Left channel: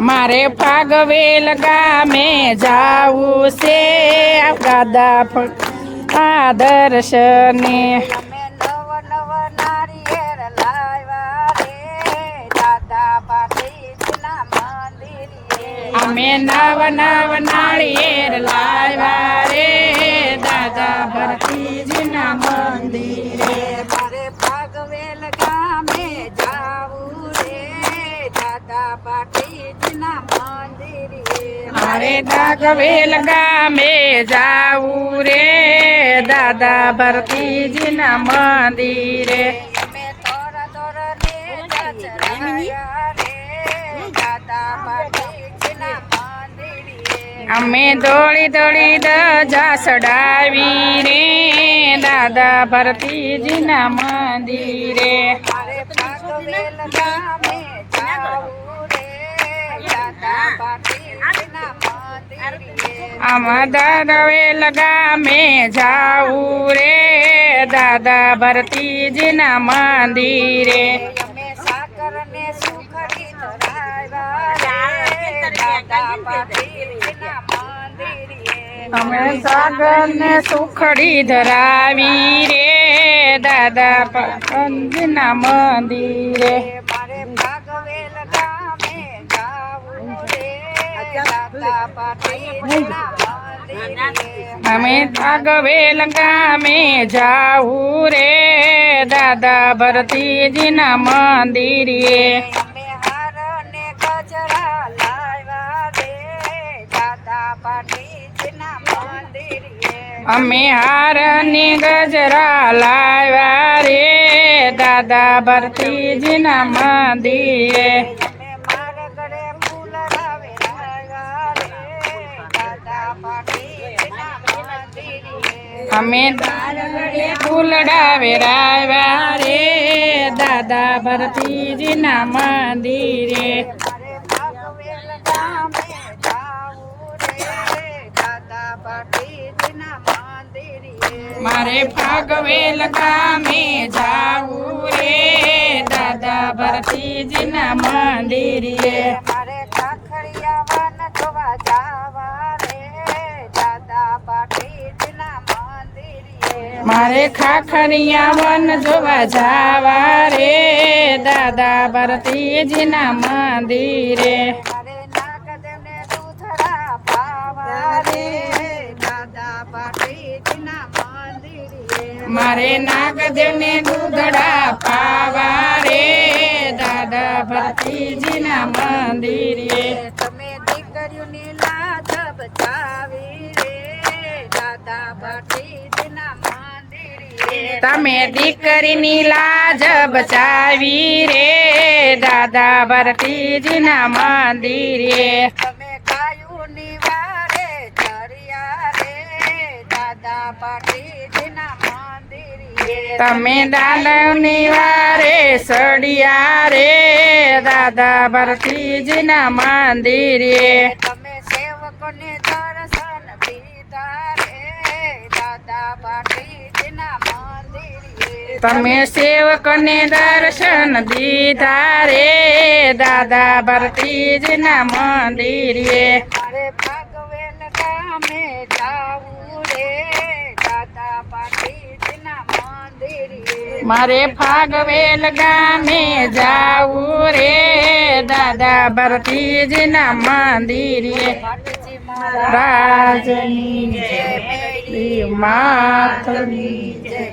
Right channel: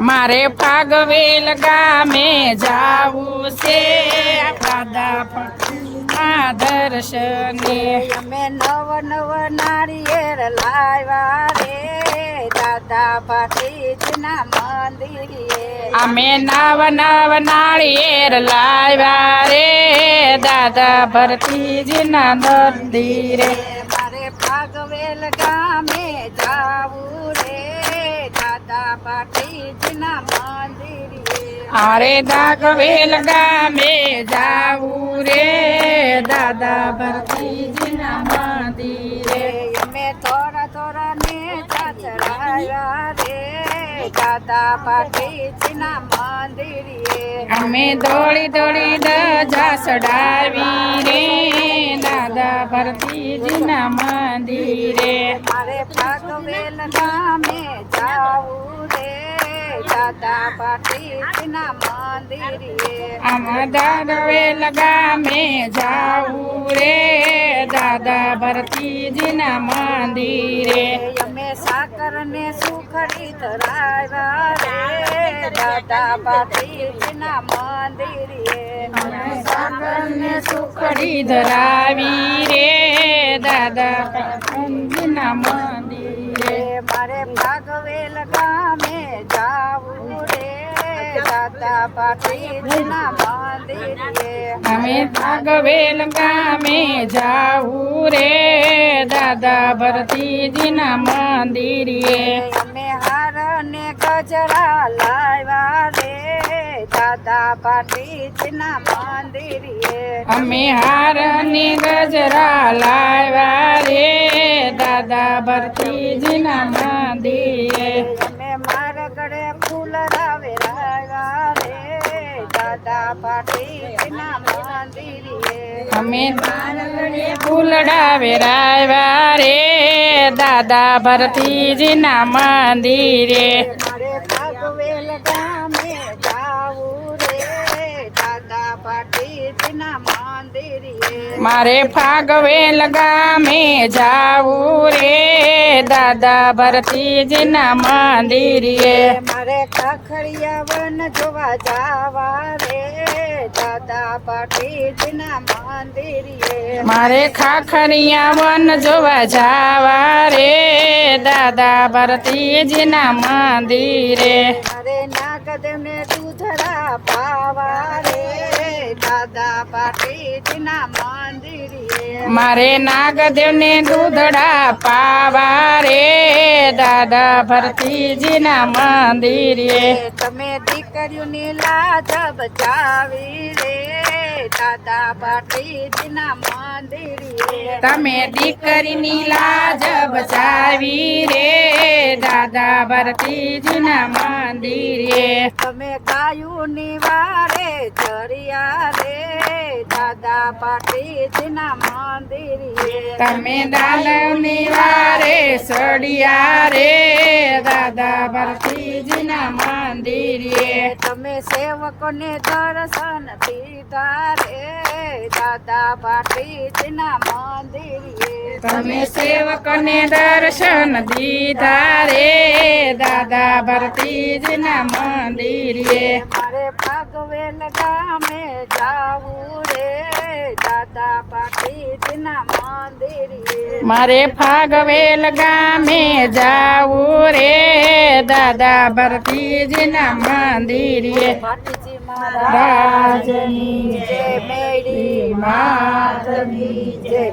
મારે ફાગવેલ ગામે જાવું છે દાદા ભરતીના દર્શને અમે નવ નવ નાળિયેર લાવ્યા રે દાદા ભરતીના મંદિરે અમે નવ નવ નાળિયેર લાવ્યા રે દાદા ભરતીજીના મંદિરે મારે ફાગવેલ ગામે જાવું રે દાદા ભરતીના મંદિરે મારે ફાગવેલ ગામે જાવું રે દાદા ભરતીજીના મંદિરે અમે થોડા થોડા ને ચચરાયા રે દાદા ભરતીના મંદિરે અમે દોડી દોડી ધજા ચડાવી રે દાદા ભરતીજીના મંદિરે મારે ફાગવેલ ગામે જાવું રે દાદા ભરતીના મંદિરે આમાં દાદવેલ ગામે જાવું રે દાદા ભરતીજીના મંદિરે અમે સાકર ને સુખડી ધરાવ્યા રે દાદા ભરતીના મંદિરે અમે સાગર ને સુખડી ધરાવી રે દાદા ભરતીજીના મંદિરે મારે ફાગવેલ ગામે જાવું રે દાદા ભરતીના મંદિરે અમે ફાગવેલ ગામે જાવું રે દાદા ભરતીજીના મંદિરે અમે હાર ને ગજરા લાવ્યા રે દાદા ભરતીના મંદિરે અમે હાર ને ગજરા લાવ્યા રે દાદા ભરતીજીના મંદિરે અમે મારા ગળે ફૂલ લાવે લાવ્યા રે દાદા ભરતીના મંદિરે અમે ફૂલડા વેરાવ્યા રે દાદા ભરતીજીના મંદિરે મારે ફાગવેલ ગામે જાવું રે દાદા ભરતીના મંદિરે મારે ફાગવેલ ગામે જાવું રે દાદા ભરતીજીના મંદિરે મારે ખાખડિયા વન જોવા જાવા રે દાદા ભરતીના મંદિરે મારે ખાખરિયા વન જોવા જાવા રે દાદા ભરતીજીના મંદિરે મારે નાગદેવને દૂધરા પાવા રે દાદા ભરતીના મંદિરે મારે નાગદેવને દૂધડા પાવા રે દાદા ભરતીજીના મંદિરે તમે દીકરીઓની લાજ બચાવી રે દાદા ભરતીના મંદિરે તમે દીકરીની લાજ બચાવી રે દાદા ભરતીજીના મંદિરે તમે ગાયોની વારે ચડ્યા રે દાદા ભરતીના મંદિરે તમે દાદાની વારે સડિયા રે દાદા ભરતીજીના મંદિરે તમે સેવકોને દર્શન દીધા રે દાદા ભરતીના મંદિરે તમે સેવકને દર્શન દીધા રે દાદા ભરતીજીના મંદિરે મારે ફાગવેલ ગામે જાવું રે દાદા ભરતીના મંદિરે મારે ફાગવેલ ગામે જાવું રે દાદા ભરતીજીના મંદિરે ભટજી રાજની જય માતની જય